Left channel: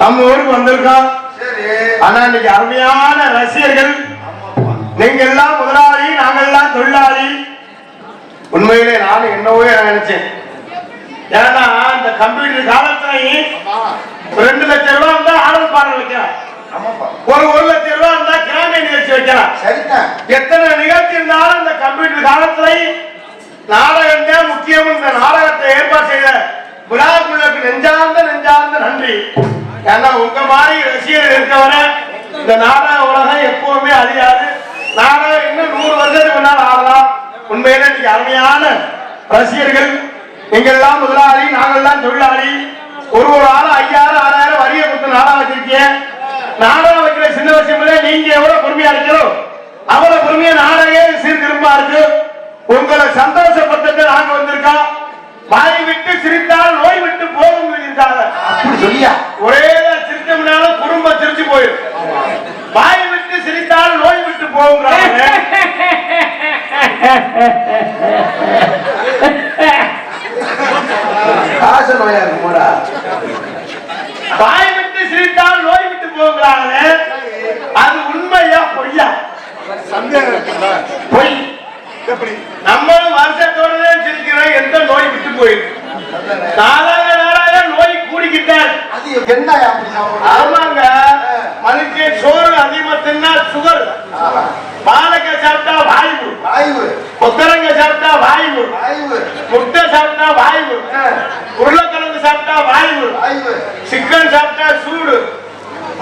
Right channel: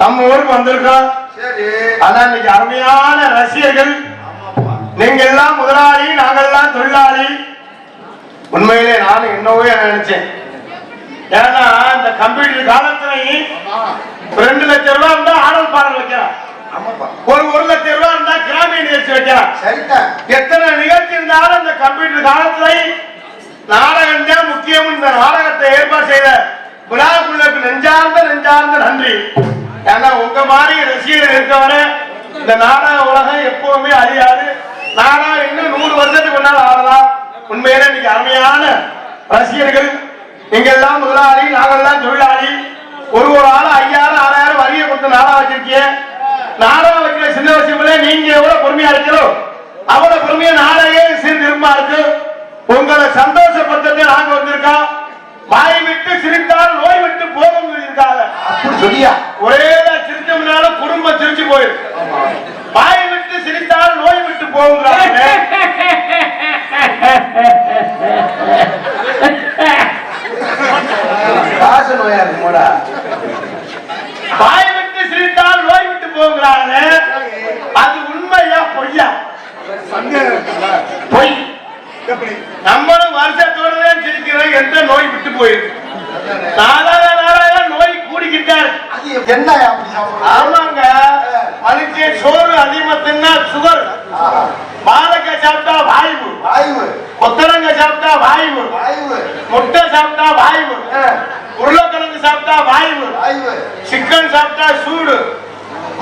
நம்ம ஊருக்கு வந்திருக்கோம். சரி. ஆனா இன்னைக்கு அருமையான ரசிகர்கள். நீங்க எல்லாம் முதலாளி நாங்கெல்லாம் தொழிலாளி. உண்மையிலே நானும் என்னவோ நினைச்சேன். ஏன்னா இந்த கம்ப்யூட்டர் காலத்துலயும் ரெண்டு லட்சம் ரூபாய் இருந்தா ஆடல் பாடல் ஆமாப்பா. ஒரு ஒரு லட்சம் ரூபாய் இருந்தா கிராமிய நிகழ்ச்சி சரிதான் எத்தனை நிகழ்ச்சி இருந்தாலும் இந்த கம்ப்யூட்டர் காலத்துல நாடகம் தான் முக்கியம் இந்த நாடகத்தை ஏற்பாடு செய்த விழாக்குழுக்கு நெஞ்சார்ந்த நெஞ்சார்ந்த நன்றி. ஏன்னா உங்க மாதிரி ரசிகர்கள் இருக்கவனே இந்த நாடக உலகம் எப்பவுமே அழியாது. நாடகம் இன்னும் நூறு வருஷத்துக்கு முன்னால் ஆடலாம். உண்மையிலே இன்னைக்கு அருமையான ரசிகர்கள். நீங்கெல்லாம் முதலாளி நாங்கெல்லாம் தொழிலாளி. ஒரு ஒரு ஆளும் ஐயாயிரம் ஆறாயிரம் வரிய கொடுத்து நாடகம் வச்சிருக்கீங்க. நாடகம் வைக்கிற சின்ன விஷயங்களே நீங்க எவ்வளவு பொறுமையா இருக்கிறோம் அவ்வளவு பொறுமையா நாடகே சீர்திரும்பா இருக்கு. உங்களை சந்தோஷப்படுத்த நாங்க வந்திருக்கோம். வாய் விட்டு சிரித்தால் நோய் விட்டு போகும். அப்படி சொல்லியா? ஒரே சிரிச்சோம்னால குடும்பம் சிரிச்சு போயிருக்கு. வாய் விட்டு சிரித்தால் நோய் விட்டு போகுங்கிறாங்க காசு நோயா இருக்குமோடா? வாய் விட்டு சிரித்தால் நோய் விட்டு போகுங்கிறாங்க அது உண்மையா பொய்யா? பொய். நம்மளும் வருஷத்தோடு தான் சிரிக்கிறோம். எந்த நோய் விட்டு போயிருக்கு? நாளாக நாளாக அது என்ன ஆமாங்க. மனுஷன் சோறு அதிகமா தின்னா சுகர். பாலக்காய் சாப்பிட்டா வாய்வு. ஆய்வு கொத்தரங்காய் சாப்பிட்டா வாய்வு. ஆய்வு முட்டை சாப்பிட்டா வாய்வு. உருளைக்கிழங்கு சாப்பிட்டா வாய்வு. சிக்கன் சாப்பிட்டா சூடு.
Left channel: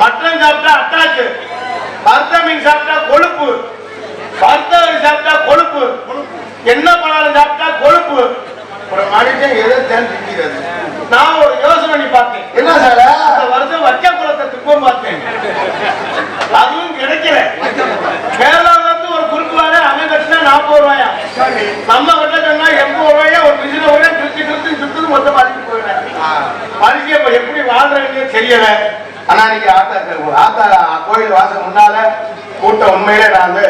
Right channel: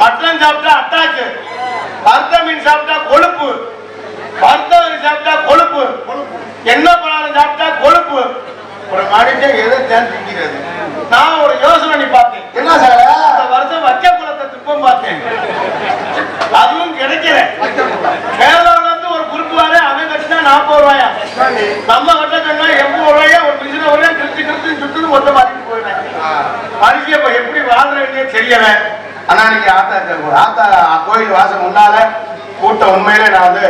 மட்டன் சாப்பிட்டா அட்டாக்கு. வறுத்த மீன் சாப்பிட்டா கொழுப்பு. வறுத்த மீன் சாப்பிட்டா கொழுப்பு. என்ன பழம் சாப்பிட்டா கொழுப்பு. ஒரு மனுஷன் எதை தேன் திங்கிறது? நான் ஒரு யோசனை பார்த்தேன் என்ன சார்? இந்த வருஷம் வச்ச குளத்தை துக்கம் பார்த்தேன். அதுவும் கிடைக்கல. வேளாண்மை ஒரு குறிப்பு வார அவன் கட்டினா நாற்பது ரூபாயா? நம்ம கிட்ட சொன்னா எண்பது ரூபாயா? ஒரு மிஷினை ஒரே திருச்சி திருச்சி சுத்தது மொத்தம் மாட்டிட்டு போயிட்டாங்க மனுஷன் இப்ப எப்படி வாழ்றதுன்னு தெரியல. ஆனா இன்னைக்கு ஆத்தா ஆத்தா கோயில் வாசல் முன்னால கூட்டம் உண்மையில நான் வந்து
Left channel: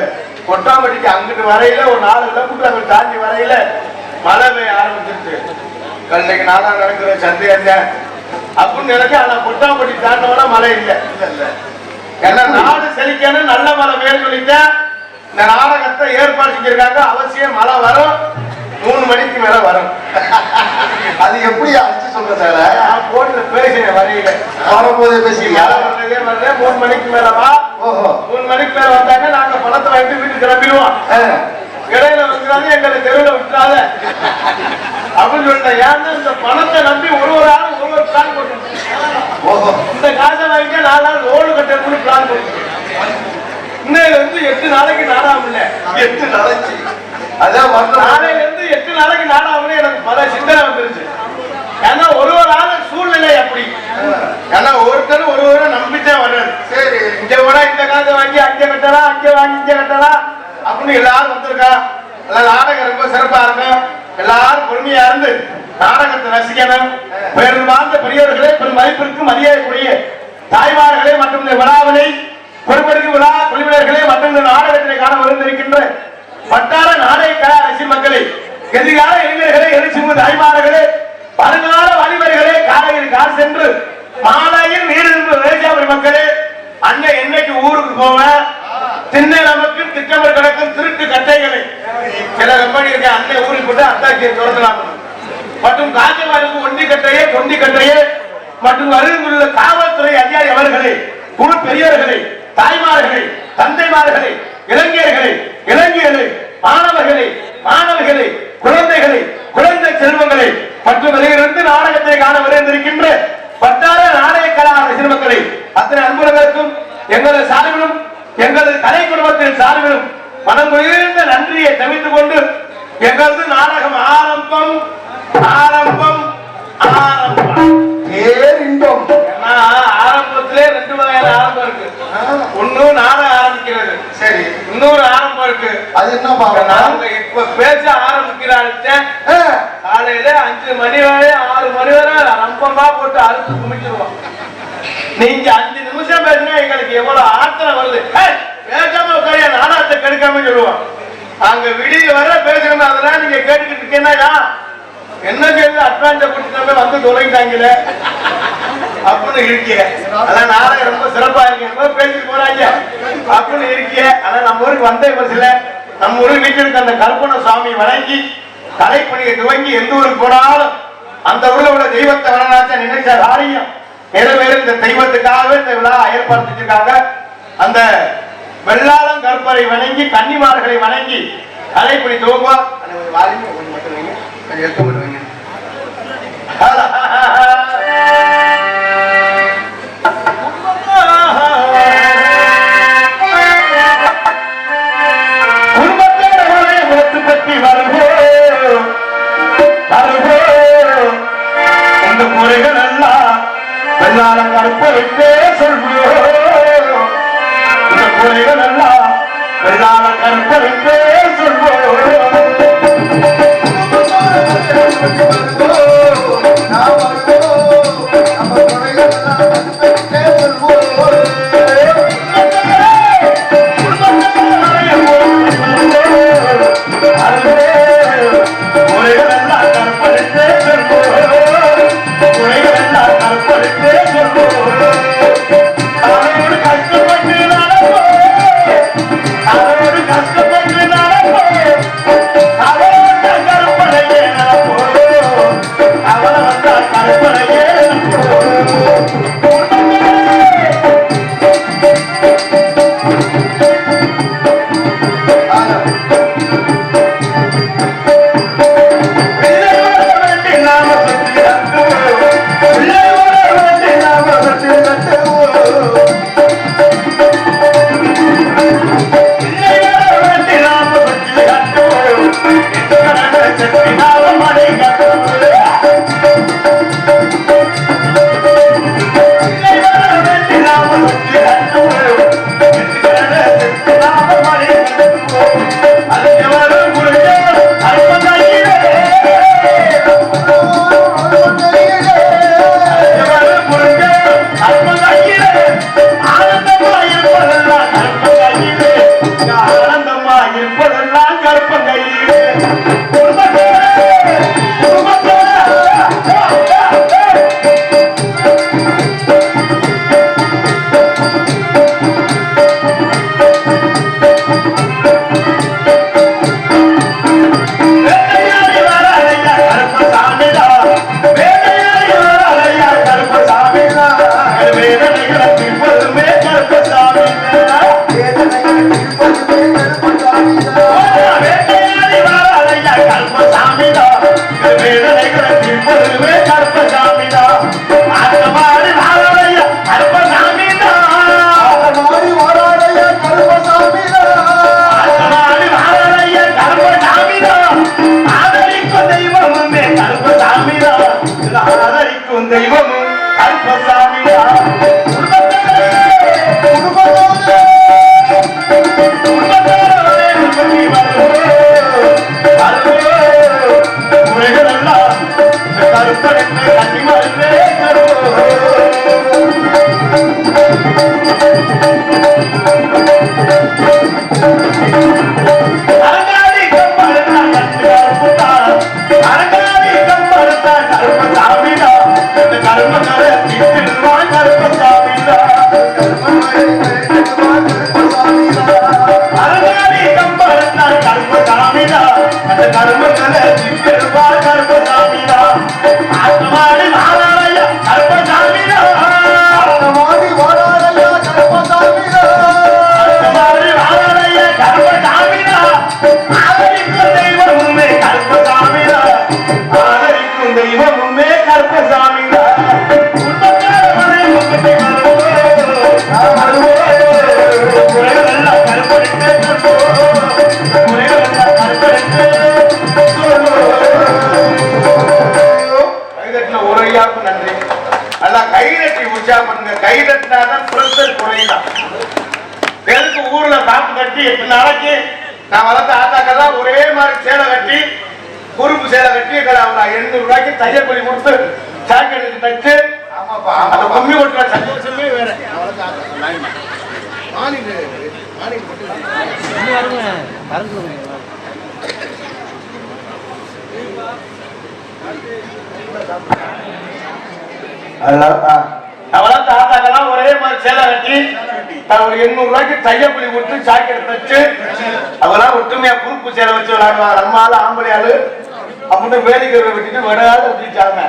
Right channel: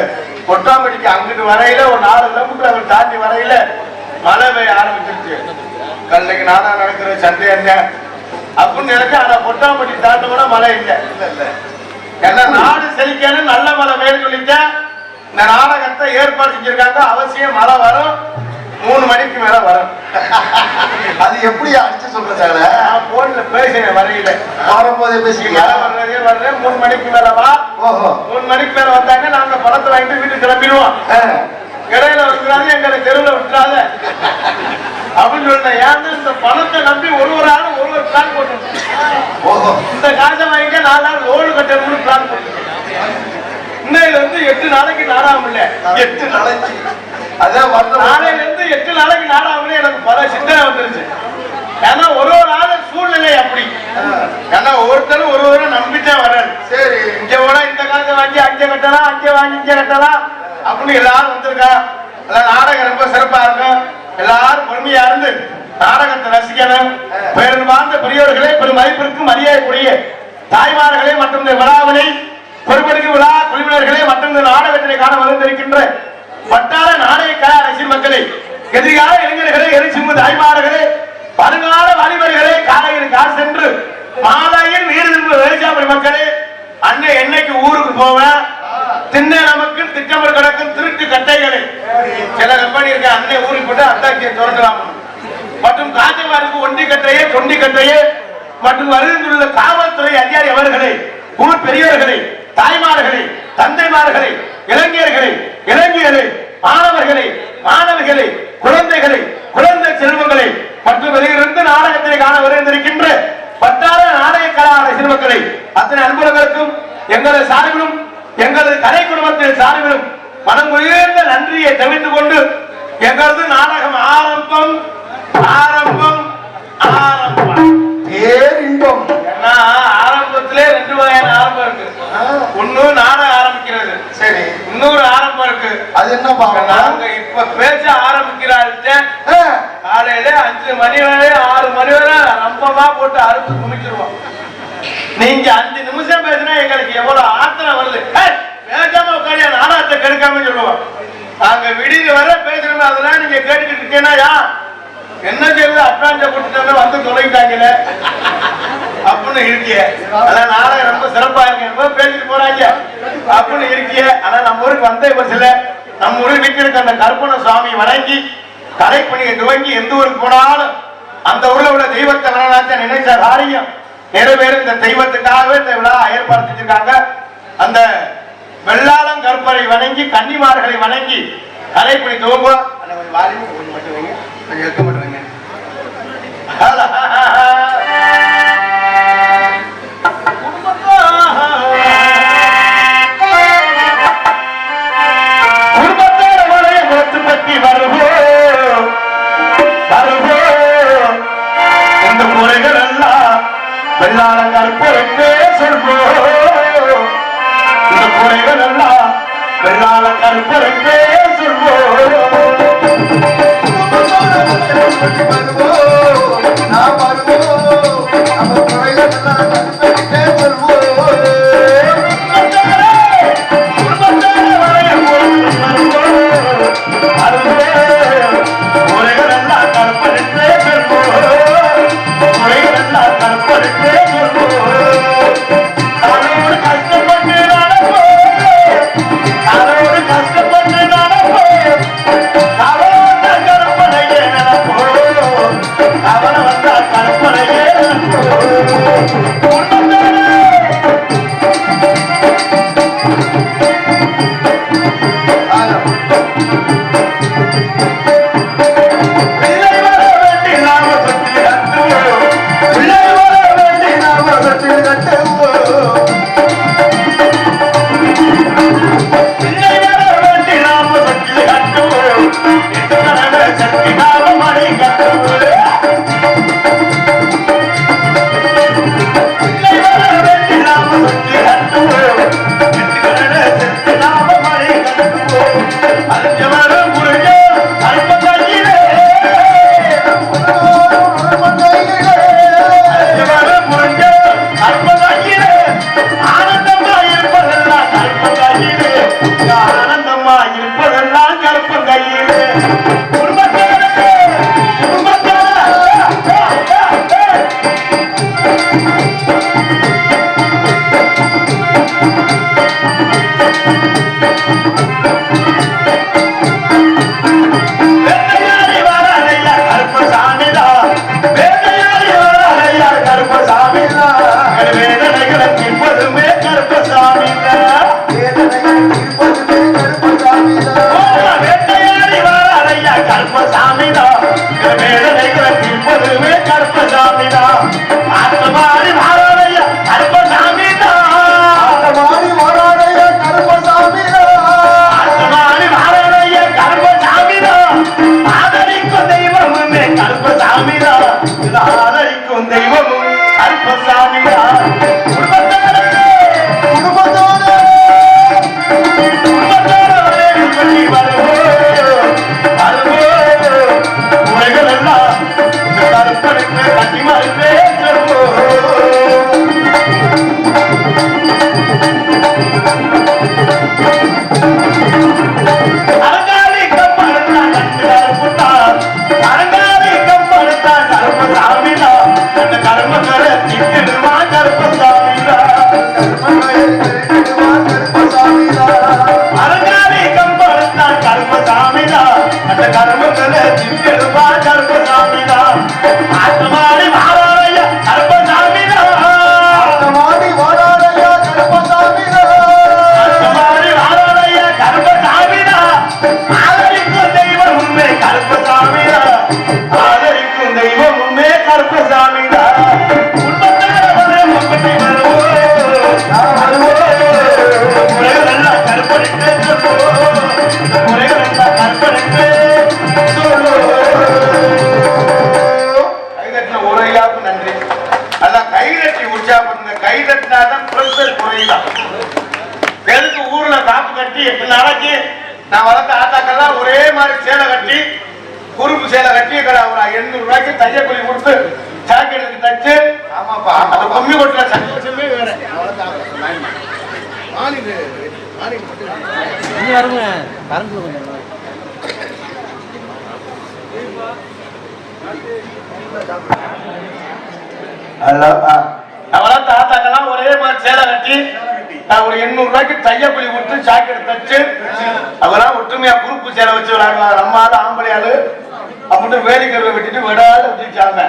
கொட்டாம்பட்டிக்கு அங்கிட்டு வரையில ஒரு நாலு கிலோமீட்டர் அங்கிட்டு தாண்டி வரையில மழை பெய்ய ஆரம்பிச்சிருச்சு. கல்லைக்கு நானா நடக்கிற சந்தேக அப்படின்னு நினைச்சு ஆனா கொட்டாம்பட்டி தாண்டவன மழை இல்ல. இல்ல ஏன்னா நாடு செழிக்கணும் நல்ல மழை வேணும் சொல்லிட்டேன் இந்த நாடகத்தை ஏற்பாடு செஞ்சிருக்காங்க. அவசியம் மழை வரும். மூணு மணிக்கு மேல வரும். அது எப்படி அழைச்சு சொல்ற சார்? நான் போன்ல பேசினேன் வரையில. வரும்போது பேசிக்கியா மழை வர்றதே வரல. மூணு மணிக்கு மேல வா ஓஹோ. மூணு மணிக்கு மேல வந்தாங்க நாங்க பணத்தை வாங்கிட்டு வீட்டுக்கு கிளம்பிடுவோம். இடையில வந்துடாத எங்களை தெருவில் விட்டுறாத. அப்படின்னு சொல்லிட்டேன் ஏன்னா இந்த பணத்தை நம்பி ஒரு ஒரு ஆளும் ஒரு ஒரு பிளான் ஓஹோ. இந்த காசை வாங்கிட்டு நாலு லோடு கட்டுறதுன்னு பிளான் போட்டோம் இன்னையில இருந்து எட்டு நாளைக்கு நாடாம இல்ல எட்டு நாளைக்கு. அதான் நாளையில இருந்து எட்டு நாளைக்கு நாடாமலே எனக்கு பல சிந்தனை வந்துருச்சு. ஏன்னா ஒரு ஒரு ஆளு சூழ்நிலை அப்படி. ஏன்னா ஒவ்வொருத்தரும் ஒரு ஒரு நம்பிட்டே வர்றாரு. சரி. இங்க கூட இந்த காசை வாங்கி அங்க கட்டலாம் அங்க வாங்கி இங்க கட்டலாம். அப்படின்னு எல்லாரும் வந்திருக்கான் எல்லாம் நாடகம் ரொம்ப சிறப்பா இருக்கும். எல்லாரும் பொறுமையா இருந்து நாடகத்தை ரசிக்கணும். பெருமாந்த வாழ்ந்த பெரியவர்களே பெரும் மதிப்பிற்கு மரியாதைக்குரிய தாய்மார்களே மற்றும் இந்த விழாவினை பொறுப்பெடுக்கும் விழா குழுவினர்களே மற்றும் இந்த நாடகத்தினை காண வந்திருக்கின்ற வட்டார நாடக கலை மக்களை எதிர்கால இளைஞர்களே எரிசிம்பு தாய்மார்களே வருங்கால வழிமுறைகளே காலையில் கார் சென்று மாலையில் நீர் திரும்ப விவசாய மக்களே அண்ணன் என்னைக்கு ஊருக்கு போவேன் திண்ணை நமக்கு திட்டமிட கிடக்கும் திருட்டு கட்டைகளை. சில கம்பெனி இருக்கு அன்னை ஊருக்கு போட்டு அத்தாச்சியை திறக்கலாம் மற்றும் காஞ்சவாருக்கு ஒண்டி கட்டையே தொண்டி கட்டையே மற்றும் வருகின்றுள்ள காவல்துறை அதிகாரி அவர்களே ஊர் பெரியவர்களே தாய்மார்களே தந்தைமார்களே இளைஞர்களே இளைஞர்களே மாணவர்களே மாணவிகளே குழந்தைகளே குழந்தை செல்வங்களே மற்றும் வெளியிலிருந்து நாடகத்தை காண விரைந்திருக்கின்ற வட்டார நாடக கலார சிறுமக்களை அத்தனை அன்பர்களுக்கும் எங்களது சார்பிலும் எங்களது கலை குடும்பத்தின் சார்பிலும் மனம் உயர்ந்த நன்றியை தெரிவித்துக் கொண்டு எங்களது நாடகம் ஆரம்பம் ஆரம்பம் ஆரம்பம். பேரின்பம் ஆரம்பத்திலே ரெண்டு வகையான ஆரம்பம் இருக்கு. ஒண்ணு நாடகம் ஆரம்பிக்கிறது. சரி. இன்னொரு ஆரம்பம் இருக்கு. அது என்ன பாக்கணும் இப்ப பேச ஆரம்பிக்கிறாள்கிட்ட காலையில அஞ்சு மணி வரை ஆறு மணி வரை ரம்பமா போட்டு அறுத்து குமிச்சிருவோம். நீங்க அஞ்சு நிமிஷம் பேசினா எங்களுக்கு எவ்வளவு ஆத்திரம் வருது. கேட்காம பேசாம உட்காந்து நாடகத்தை கெடுக்காம சொல்லுவோம் நாங்க விடிய வர பேசணும் அதெல்லாம் நீங்க கேட்டுக்கிட்டு இருக்கேன்னா என்ன சொல்லு அட்வான்ஸ குட்டினால வந்து தொலைங்கிட்டாங்களே அப்படின்னு இருக்கிய. அதான் நாளை ரொம்ப சிறப்பா இருக்கு. ரொம்ப பேசிட்டு போறாங்க? அப்படின்னு இருக்கிய. ஆனா நம்ம ஊருக்கு வந்த பஸ்ல நம்ம ஊருக்கு நிற்கிறதுக்கு அந்த கற்பனை சுவாமி வணங்கி கலைப்பணியை துவங்கி எந்த ஊருக்கு போனாலும் அந்த ஊர்ல உள்ள தெய்வத்தை வரலாற்ற நினைச்ச காரியம். நிறைவேறும் இந்த தெய்வத்துக்காகவே இந்த விழா அந்த வெள்ளாளம் கற்பனை வணங்கி கன்னிமார்களை வணங்கி ஒரு வாலிபம் கொஞ்சம் மட்டும் வைங்க. எண்ணூறு ரூபாய்க்கு தையல் கூலி கொடுத்து ஜாக்கெட் தச்சு அந்த கும்மி கொட்டுற சந்தோஷமே வேற. வளர்த்த ஆத்தாக்கெல்லாம் ஒரே மாதிரி சேலை கட்டி நான் ஒரு எண்ணூறு ரூபாய்க்கு தையப்பள்ளி கொடுத்து ஜாக்கெட் தச்சு அதெல்லாம் ஒற்றுமையா குறுப்பு சேலை வச்சு விளையாடுவாங்க. நம்ம ஆளு ஆம்பளை ஆளு. அப்படின்னு வேலைகளை வச்சுட்டு விடாது வச்சுச்சாங்க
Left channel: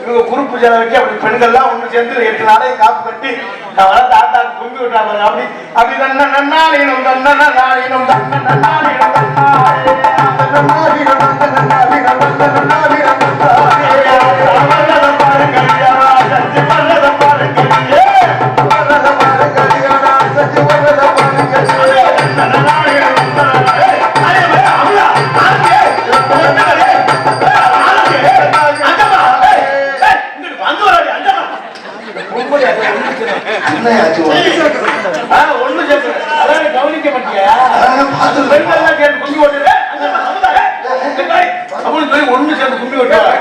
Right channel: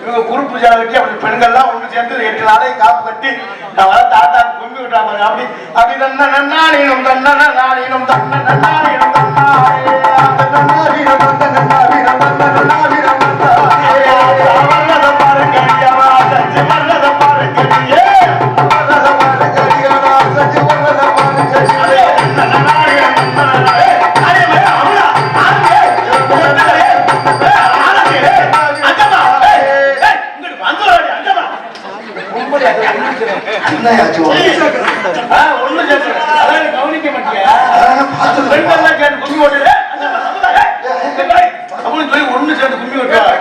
இவங்க குறுப்பு சேலை வச்சு அப்படி பெண்கள்லாம் ஒன்று சேர்ந்து எட்டு நாளைக்கு காப்பு கட்டி நான் வளர்த்த ஆத்தாக்கு கும்பி விட்டாங்க அப்படி அப்படி தன்ன நன்னாளீனம் தன்ன நன்னாளீனம் தன்ன நன்னாளீனம் கவனிக்க பெண்கள்லாம் கேட்டு கும்பி ஓட்டுது அப்படின்னு சொல்லி ஒண்ணு சேர்ந்து கும்பி ஓட்டுவாங்க.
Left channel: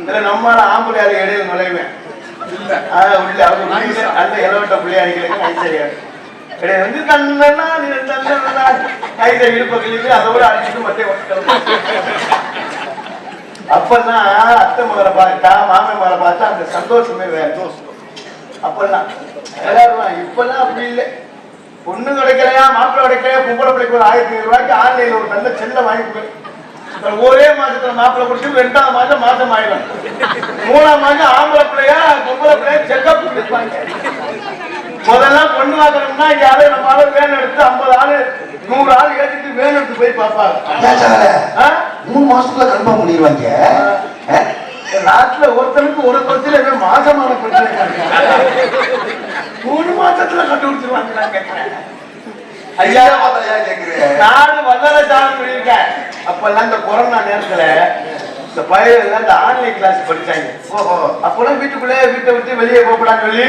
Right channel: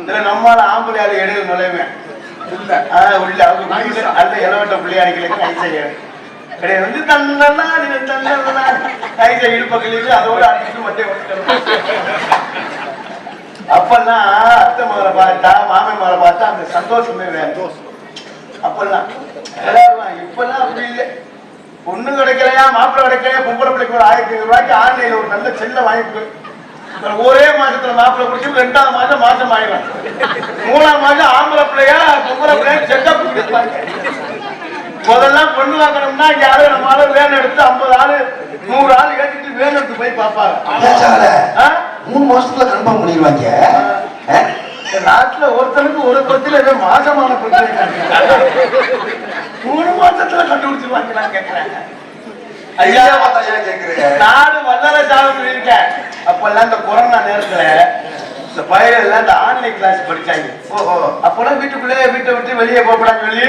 இதுல நம்மால ஆம்பளை ஆளு இடையில நுழைவேன் நல்ல இளவட்ட பிள்ளையாடிகளுக்கு கை செய்ய இடையில வந்து தன்னா தன்னா கை செய்ய இழுப்பங்களுக்கு அதோட அடிச்சுட்டு மட்டை அப்பெல்லாம் அத்தை மகளை பார்த்தா மாமன் மகளை பார்த்தா அந்த சந்தோஷமே வேற. அப்பெல்லாம் எல்லாரும் இப்பெல்லாம் அப்படி இல்லை. பொண்ணு கிடைக்கலையா மாப்பிள்ளை கிடைக்கலையா பொம்பளை பிள்ளைக்கு ஒரு ஆயிரத்தி ஐநூறு ரூபாய்க்கு ஆன்லைன்ல ஒரு நல்ல செல்ல வாங்கி கொடு. இப்ப ஒரே மாசத்துல மாப்பிள்ளை குடிச்சு ரெண்டாவது மாசம் மாசம் ஆயிடும் மூணாம் மாசம் ஆம்பளை பிள்ளையா பொம்பளை பிள்ளையா செக்கப் முதல்ல பொண்ணு வாங்கணும்னா இங்க யாரும் நம்மளால வேன் எடுத்து ஐம்பது ஆளு நூறு ஆள் ஏற்றிட்டு வேன் எடுத்து போய் ஆ? மூணு மாசத்துக்குள்ள கன்ஃபார்ம் பண்ணிடுவாங்க நாட்டுல ஒருத்தனுக்கு ஒரு பிரச்சனை மாசமான பிரச்சனை. மூணு மாசத்துல கண்டுபிடிச்சிருவாங்க நான் கேட்கிறேன் ஐயா கேக்குறீங்க? நாடு வல்லல சாமி சொல்லியிருக்கேன் அப்பெல்லாம் இந்த கொரோனா நேரத்துல இந்த எல்லாம் இந்த ஆன்லைன் கிளாஸ் படிச்சாங்க. அப்பெல்லாம் வீட்டுக்குள்ளே வீட்டை விட்டு வெளியே போகக்கூடாதுன்னு சொல்லி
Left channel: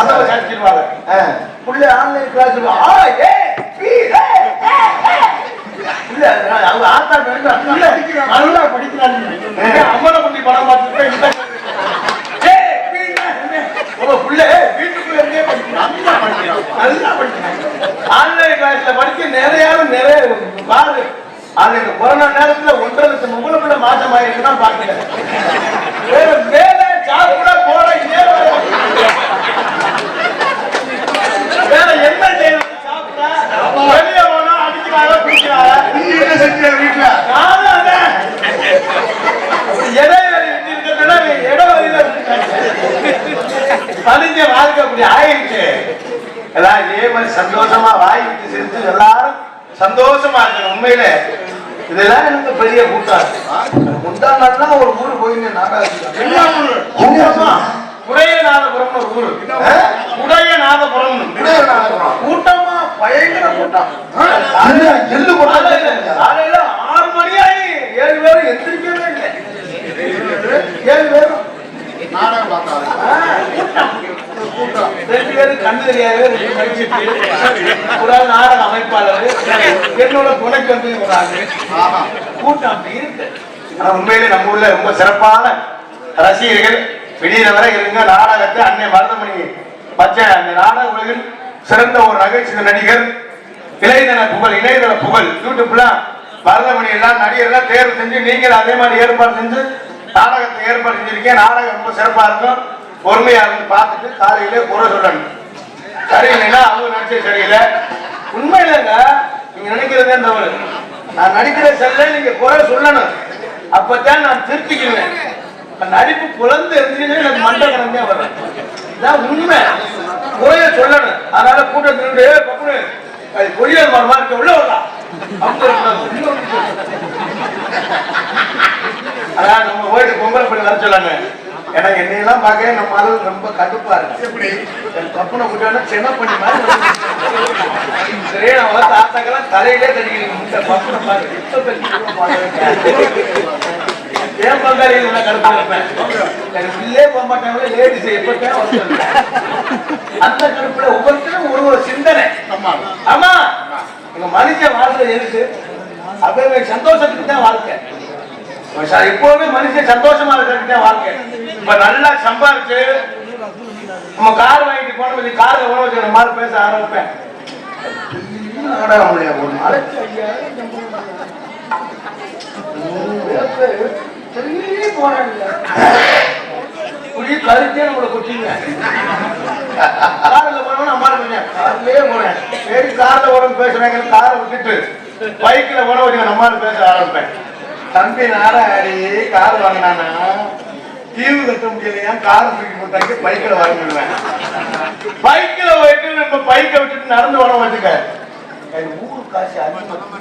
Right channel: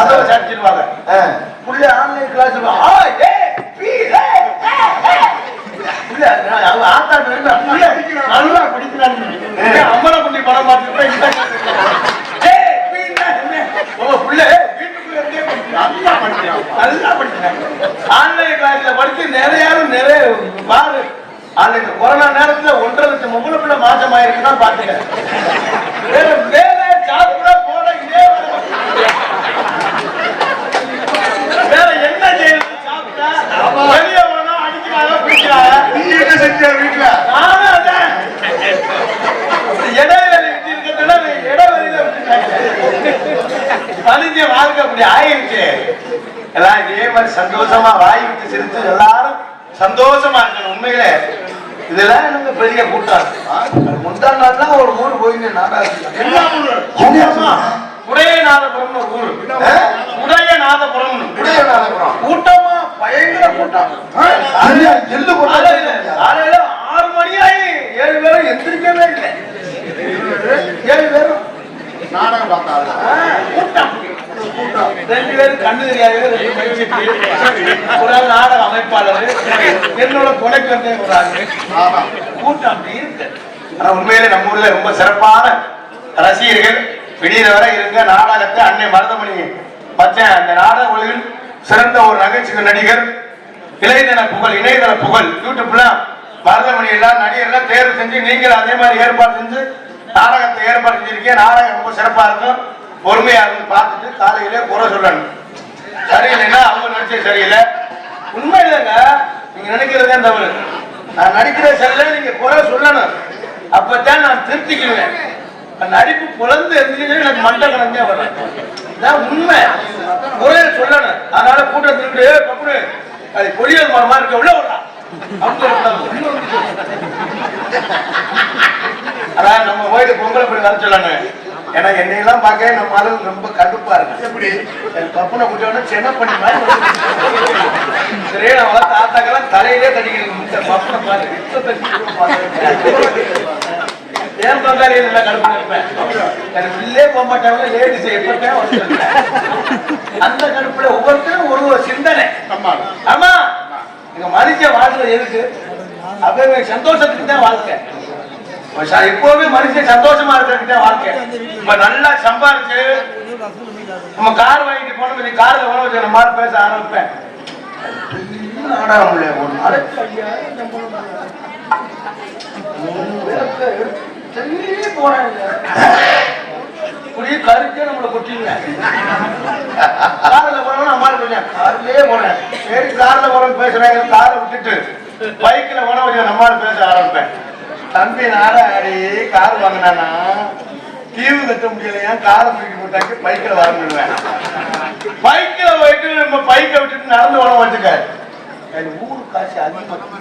அதை சாட்டிடுவாங்க ஆ. புள்ள ஆன்லைன் கிளாஸ் ஆ ஏ பி ஏ அவங்க ஆத்தா நல்லா படிக்கிறாங்க. அம்மனை பண்ணி படம் புள்ள இருந்தே படிக்கிறான். நல்லா படிக்கிறான். நல்லா படிக்கிறான். ஆன்லைன் கிளாஸ்ல படிச்சு நிறைய நிறைய பாரு அது இந்த கொரோனா நேரத்துல ஒன்றரை லட்சம் உங்களுக்குள்ள பிள்ளை மாசம் பாத்துக்க வேற வேலை ஜாப் கூட போட இதே வேலை. வேற என்ன செய்யணும் சாப்பிட்டா வெளிய போனா அடிக்கிறாங்க பிடிக்கிறாங்க நீ என்ன செஞ்ச வீட்டுல நானும் அதான் இடைவெளி விட்டு இருக்கிறதுனா இடைவெளியில பதிஞ்ச வாழ்க்கை அப்படி ஆயிடுச்சு. எல்லாம் இதே மாதிரி சந்தோஷமா வாய் விட்டு சிரிச்சு எல்லாரும் சந்தோஷமா இருக்கு உண்மையில. இதெல்லாம் எனக்கு பெரிய கூட்டம். முந்தா நாள் ஒரு ஊர்? போயிருந்தேன்? என்ன உடையநாதபுரம்னு ஒரு ஊரு. உடையநாதபுரம் இடையே நாடகம் கூட்டமா? பயங்கர கூட்டம். எள்ளு காலையில ஆறு மணி ஆகி ஏழு பேரும் எந்திரிக்கவே இல்லை. ஏழு பேரும் நாடகம் பார்த்தாரு கூட்டம் ரெண்டு பேரும் கண்ணு தெரியாது ரெண்டு படிச்சுட்டு ஒரு ஆள் நாடக அமைப்பாளர் என்னோட புனைக்கு வந்து ஆஹா. கூட்டம் அப்படி இருக்கு. ஆனா உண்மையிலே நம்ம ஊர்ல ரொம்ப சிறப்பான ரசிகர்கள். விடியற வரை இருங்க நாடகத்தை அன்னை மருதமணி பச்சை அந்த நாடக ஒளியில் சிறந்த ஒரு நகைச்சுவை நடிகர் இணையதள புகழ் இணையதள புகழ் யூடியூப்லாம் மருதமணி எல்லாம் நடிகர்லாம் தேர்வு செஞ்சு நீங்கள் அதே மாதிரி ஏற்பாடு செஞ்சு நாடகத்தை ஏற்பாடு செஞ்சிருக்கேன் நாடகம் ரொம்ப சிறப்பா இருக்கும். பொறுமையா இருந்து பார்த்துட்டு காலையில குறை சொல்லணும். சரியில்லைன்னா அவங்க நினைச்சது சரியில்லை. உண்மையிலங்க நீங்க நினைக்கிறதே தவறு. நான் நடிக்கிறேன் சரியில்லை நீங்க குறை சொல்லணும். அப்பதான் நான் திருத்திக்கிடுவேன். நடிப்பு புலந்து எரிஞ்சுன்னு எனக்கு மண்டை கிடந்தே வரும். இதான் உண்மை. குறைய சொல்லணும். அதனால கூட்டத்தினுடைய பப்புனு அது பொடியல் மரமா இருக்க. உள்ள வரலாம் அதான் நம்ம போயிட்டு பொங்கலை போய் வர சொல்லணும். ஏன்னா என்னையெல்லாம் பார்க்க நம்ம ஆளு ரொம்ப கடுப்பா இருக்கு. எப்படி? தப்புன குட்டியான சின்ன பண்ணி சரியா நான் வளர்த்த ஆத்தாக்கெல்லாம் தலையிலே தடிக்கிறீங்க இந்த பப்புனை பாரு இப்ப. ஏன் பங்காளி எல்லாம் கடுப்பா இருப்பேன் எனக்கு போக மாட்டாங்க லேடிஸ் ஒருத்தர். அந்த கடுப்புல ஒவ்வொருத்தரும் ஒரு ஒரு சிந்தனை. ஆமா. ஆமா. எங்க மனுஷன் வாழ்றது எதுக்கு? அவங்க சந்தோஷத்துக்கு தான் வாழ்க்கை. எப்பவுமே மனுஷன் சந்தோஷமா இருக்கிறதுக்கு வாழ்க்கை. இப்ப நல்லா சம்பாரிச்சு நம்ம கார் வாங்கிட்டு போன கொஞ்சம் கார்ல வச்சு அந்த மாதிரி பேச ஆரம்பிப்பேன். கருத்தே நம்மளை கொட்டிங்க கார்ல போறவங்க அம்மா கொஞ்சம் கார்லயே போறேன். சரி கார்ல வரும் பேசுறாங்க காரை விட்டுட்டு பைக்ல போன கொஞ்சம் நம்ம பேச ஆரம்பிப்பேன். தம்பி நாடா கார் வாங்கினானா? தீவு கட்ட முடியலையா காரை தூக்கி போட்டாங்க பைக்கில் வர பைக்கில் போயிட்டு நம்ம பைக்கை விட்டுட்டு நடந்து போன வச்சுக்க ஊரு காசு அதிகமா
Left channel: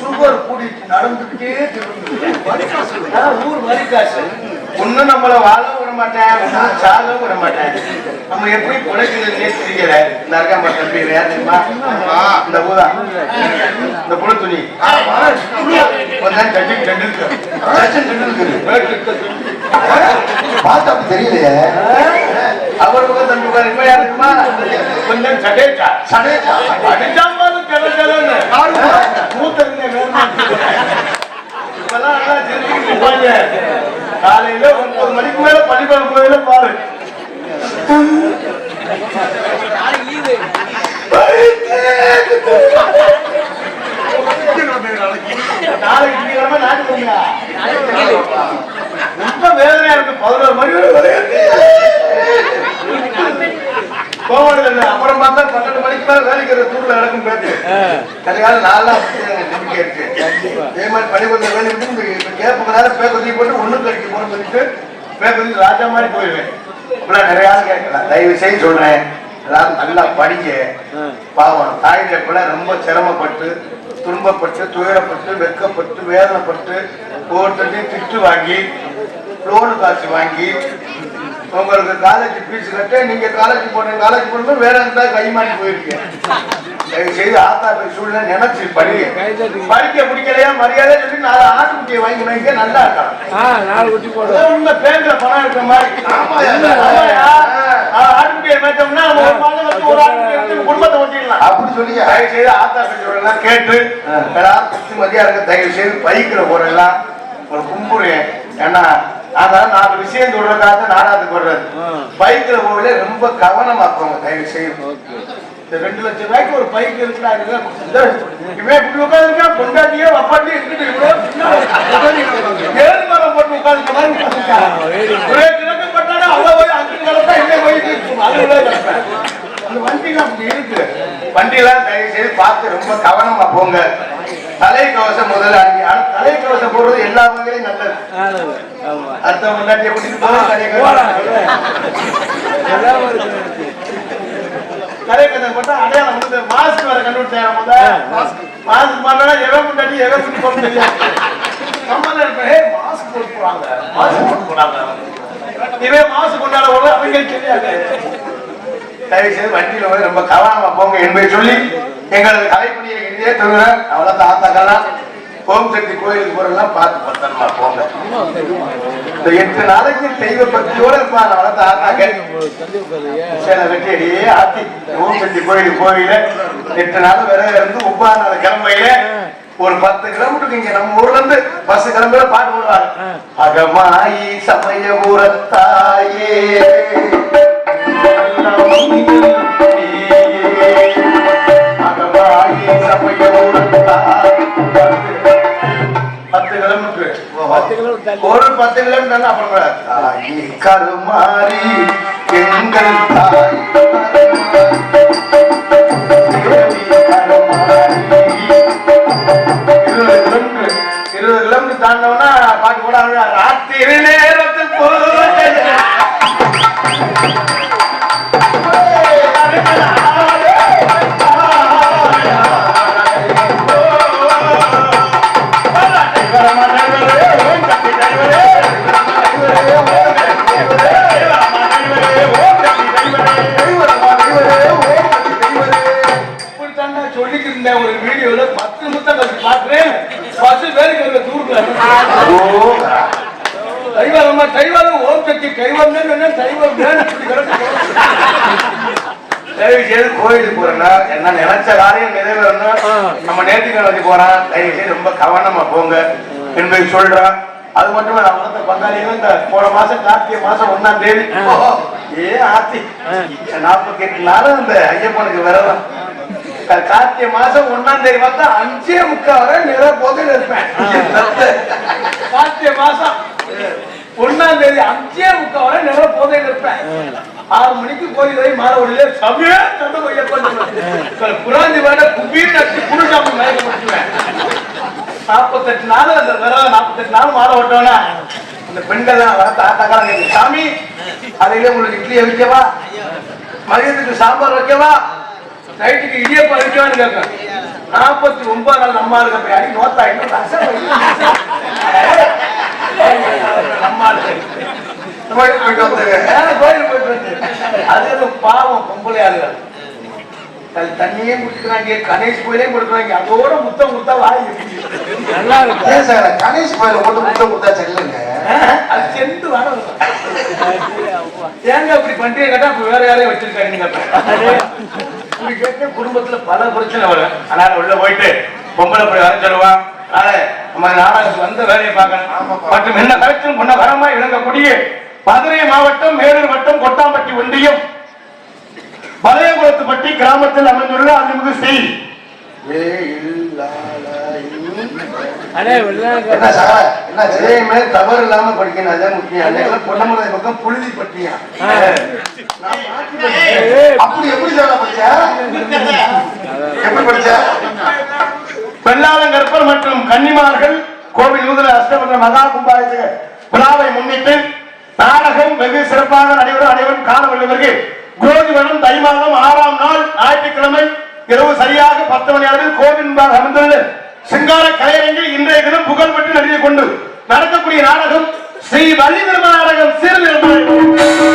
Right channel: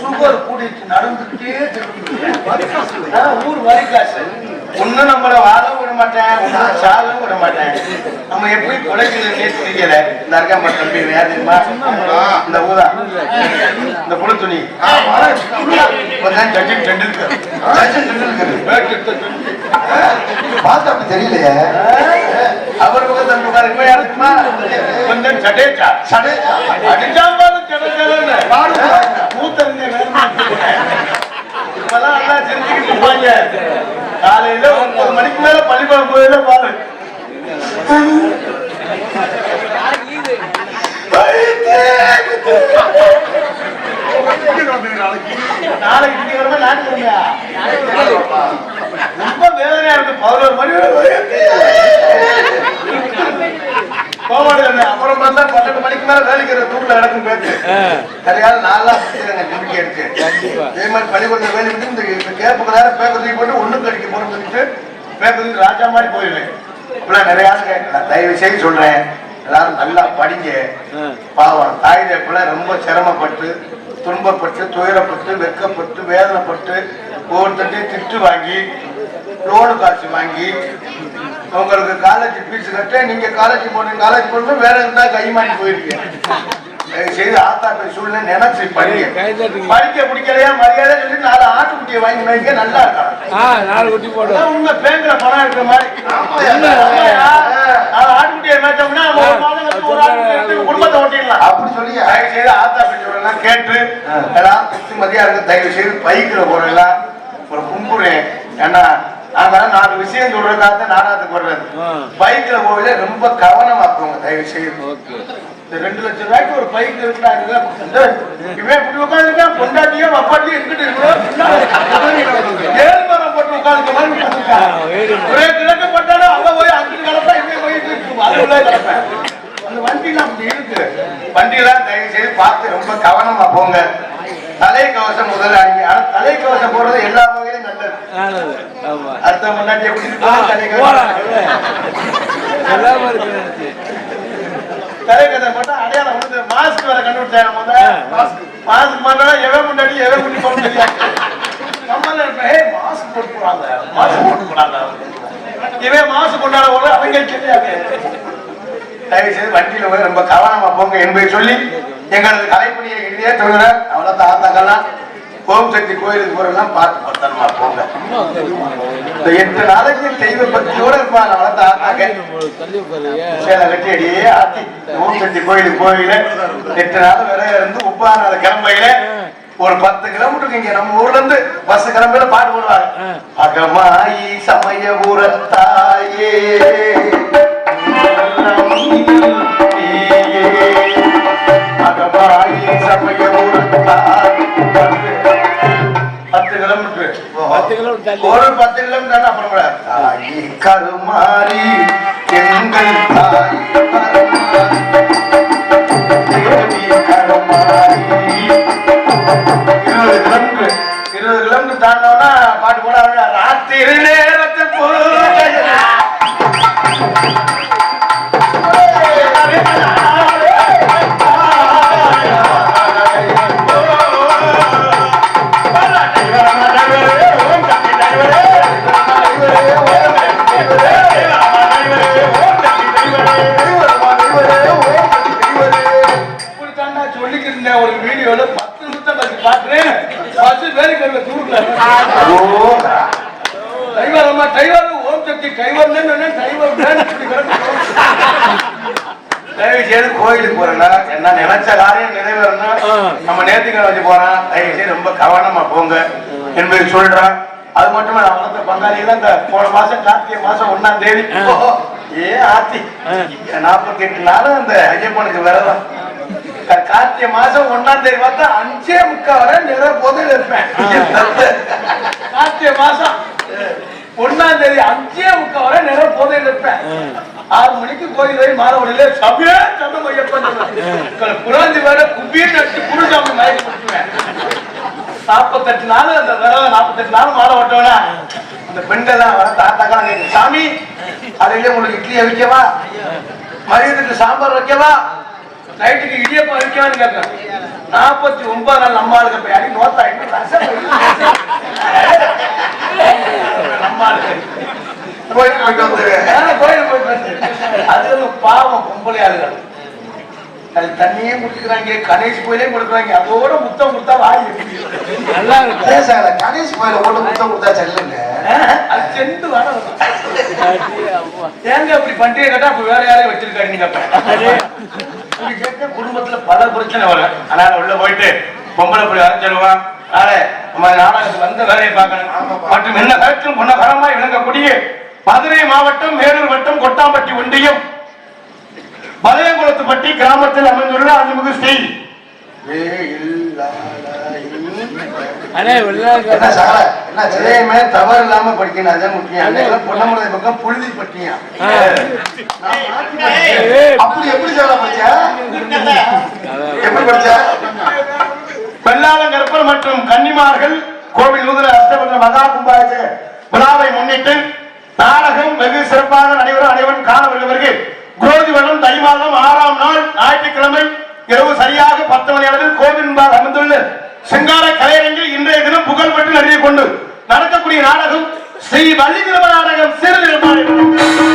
சுகர் கூடிட்டு நடந்துக்கிட்டே ஊர் வரி காசு. ஒன்னும் நம்மள வாழ விட மாட்டேன் சால விட மாட்டேன். நம்ம எப்படி பிழைக்கிறதுனே தெரியல இந்த தம்பி யார் தெரியுமா? இந்த ஊதா இந்த புழு துணி. கொஞ்சம் சச்சின் டெண்டுல்கர் சச்சின் டெண்டுல்கர் பார்த்தா அப்படி தெரியலையே. அவருக்கு தம்பி பாரு இவன் யாருக்குமா கொஞ்சம் சடேச்சா சடேஜா. அடிச்சா பாரு பாருங்க. இப்பெல்லாம் நல்லா தெரிஞ்சுக்கிட்டு இருப்பாங்க. காலையில ஒன்பது மணிக்கு மேல பள்ளிக்கூடம் போயில பாரு. நாளைக்கு ரொம்ப வேதனையா இருக்கு. பதினோரு மணி வரை கோவம். அப்புறம் பார்த்தா பன்னெண்டு மணிக்கு மேல வேலைக்கு தூக்குல நடக்கும் பேச்சு. சரியான நாளா நம்பிக்கை இருக்கு. இதே மாதிரி பள்ளிக்கூடத்துல வேலை இந்த கேப்புக்கு நேரம் பேப்பர் தூக்கி போட்டு போறோம்னு சொல்லிட்டு பேப்பர் தூக்கி ராஜா மாதிரி போயிடுவேன் இப்பெல்லாம் நிறைய ஆள் கேட்கலாம். தயவு செய்து சொல்றேன். அதாவது நல்லா படிங்க. பாவம். தாய் தப்பில ரொம்ப சிரமப்பட்டு துன்பப்பட்டு துயரப்பட்டு வெட்கப்பட்டு வேதனைப்பட்டு ஒவ்வொருத்தையும் திட்டு வாங்கி லோனு காசு வாங்கி உங்களுக்கு காலேஜ் ஃபீஸ் கட்ட நீங்க காலேஜ் போன காலேஜ் போன வேற இருந்தா கை மாட்டி போயிருக்கீங்க? தயவு செய்து ஆத்தா போய் சூழ்நிலை நினைச்சு படிங்க. படிக்க பிடிக்கலையா மரியாதை சொல்லி நாலு ஆட்டுக்குட்டியை வாங்கி வாங்கி நல்லா இருக்கும் ஆ நாலு குட்டி உண்மை பேங்க்ல பணம் இருக்கிற மாதிரி. ஆட்டுக்குட்டியை மேய்ச்சோம்னா ஒரு ஆட்டுக்குட்டி குடும்பத்தை ஓட்டிடலாம். அப்படி சொல்லி தயவு செய்து ஆத்தா பெற்றோர்கள்லாம் கேட்டு எல்லாரும் திருப்தி மதியா இருக்கு தயவு செய்து பைக்கில் போடலாம் ஒரு கும்பிடுறேன் ஏன்னா அதனால நாலு விஷயம் சொல்றதுக்காக நாடாத்துக்கு வர்றது. பைக்ல போகல ரொம்ப கவனமா போங்க தயவு ஓகே. இந்த ரெண்டு லட்சம் ரூபாய்க்கு ஒரு பைக் இருக்கிறாரு இவன் இப்படி உட்காந்துருக்கான் பொண்டாட்டியே வப்பாட்டியே இருந்துட்டு இருக்கிறோம் ஏழு மரம் போட்டு உட்காந்துக்க மாதிரி. ஒரே கிழக்கு போட்டாலும் போய் அங்கிட்டு போய் அந்த வண்டிலாம் அப்படி இருக்கு. வண்டியெல்லாம் தயவு செய்து பார்த்து ரொம்ப கவனமா போங்க. தலைக்கவசம் முதல்ல அணிங்க. ஆனா தலைக்கவசம் போடுறது எல்லா வகையிலும் நல்லது. அடுத்த தலைக்கவசம் எல்லாம் இருக்கு தலைக்கதை போட்டா அடையாளம் வந்து மாஸ்க் வேற கண்டுபிடிச்சாங்க மாஸ்க் மாஸ்க் போட்டா எவன் முன்னாடி எவன் முன்னாடி போட தெரியாது. நம்மள இருப்பேன் ஏய் மாஸ்க் போட்டு போறாங்க மாஸ்க் போட்டு போறாங்க இவன் மாஸ்க் கொண்டாட போது அவங்க தெரியாது. தயவு செய்து வண்டியில போய் ரொம்ப கவனமா போங்க என்பதை சொல்லி எங்களது கலைப்பணியை இறுதியே தவிர அவ்வளவு தாத்தாக்கெல்லாம் ஓம் சக்தி கோயிலுக்கு போறதெல்லாம் பார்த்து பத்திரமா போங்க. இந்த எட்டு நாளைக்கு தெய்வ பக்தியோட இருப்பாங்க. அவ்வளவு தாத்தாக்க சேலை கட்டி ஆத்தி. ஓம் சக்தி கோயிலுக்கு போயில எட்டு நாள் வரை இருந்து ஒன்பதாம் நாள் கிளம்பையில ஒரு பத்து கிலோமீட்டருக்கு இங்க நம்ம ஊர்ல இருந்து பஸ் கிளம்பையில பாட்டு போடுவாங்க அகமாயி சமயபுரத்தாயே பத்து கிலோமீட்டர். ஒரு பத்து கிலோமீட்டர் அப்புறம் கருமாரி எங்கள் தாய். பேருக்கு ஓம் சக்தி தயவு செய்து கோயிலுக்கு போறேன்னா என்ன நினைச்ச காரியம் நம்ம நேர்த்திக்கடன் வச்சு தயவு செய்து ரொம்ப கவனமா போங்க என்பதை சொல்றேன் அது மட்டும் நான் அந்த பங்காளிகள் இந்த போன மாசம் கார்த்திகை மாசம் ஒண்ணாம் தேதி ஏ ஆத்தி நாற்பத்தி எட்டு நாளும் இந்த ஐயப்பனுக்கு விரதம் கார்த்திகை மாசம் ஒன்னாம் தேதி பார்த்தா அஞ்சே முக்கால் வரை நிற போதையில் இருப்பேன். கார்த்திகை மாசம் ஒன்னாம் தேதி அஞ்சே முக்கால் வரை நேரம் போதையில் இருப்பேன். ஆறு மணிக்கு கோயில் போய் மாணவர்களே சமய சதம் ஐயப்பன் குழந்தை வேட குப்பி தட்டி குடிச்சாம மயக்க முடிச்சுவேன் நாற்பத்தெட்டு நாள் அந்த தடவை நாற்பத்தெட்டு நாள் மாலை ஓட்டோன்னா இந்த பெண்கள் தான் தாத்தாக்கா சாமி அதையிலே உங்களுக்கு இட்லி வைக்கவா மதியத்துக்கு சாம்பார் வைக்கவா? நைட்டுக்கு இடியப்பா வைக்கவான்னு கேட்கிறேன் நாற்பத்தி ஒன்பது நாள் நம்ம ஆளுங்க போய் அடி நோத்தா. கோயிலுக்கு போயிட்டு கோயிலுக்கு போயிட்டு. அது ஒரு பாவம் பொம்பளை ஆளுகள் அது தண்ணியே குடிக்கிறாங்க கணேஷ் கோயிலே கொடுக்குறாங்க. அதோட முத்தம் முத்தம் வாய். நல்லா இருக்கு. கணேஷ் கோயில முட்டை கொடுத்தா செல்லுங்க. அது செண்டு வர. ஏங்க அப்படி பண்டிகை கேட்டா வேற யாரையும் வச்சிருக்காங்க நீங்க? இப்படி கேட்க குடும்பத்துல பல பிரச்சனை வரும். அதனால உள்ள போயிட்டு பொம்பளை போய் அரைச்சிடுவான் நாளை நம்ம நாடகத்துக்கு வந்த வேலையை பார்க்கணும் மற்றும் என்ன கருத்தும் பொண்ண வரமா இழங்கக்கூடிய மதுரை மாவட்டம் வேலூர் வட்டம் கொட்டாம்பட்டி ஒன்றியம் பழையகுளத்துப்பட்டி கிராமத்தில் அமைந்துள்ள அறிமுக செய்தி தவறு இல்லாம படிக்கணும். அதே முக்கியம். பொன்னமலை பக்கம் புழுதி பட்டியா? அப்படி எப்படி சார் படிச்சா எப்படி படிச்ச வெள்ளாளங்கற்பர் மற்றும் கன்னிமார்கள் கோவில் நூதன அஷ்டபந்த மகா கும்பாபிஷேக விழாவை முன்னிட்டு நாடகம் வெகு சிறப்பாக நடைபெறும் அனைவரும் காண வருவதற்கு கோதிவனம் தை மாதம் ஆறாம் நாள் ஞாயிற்றுக்கிழமை இரவு சரியாக பத்து மணி அளவில் கோவில் முன்பாக அமைந்துள்ள சிங்கார கலையரங்கில் இன்றைய தினம் புகழ்பெற்று நடிகை கொண்டு நடக்கக்கூடிய நாடகம் ஸ்ரீ வள்ளி திருமண நாடகம் சிறு நிர்மாணம்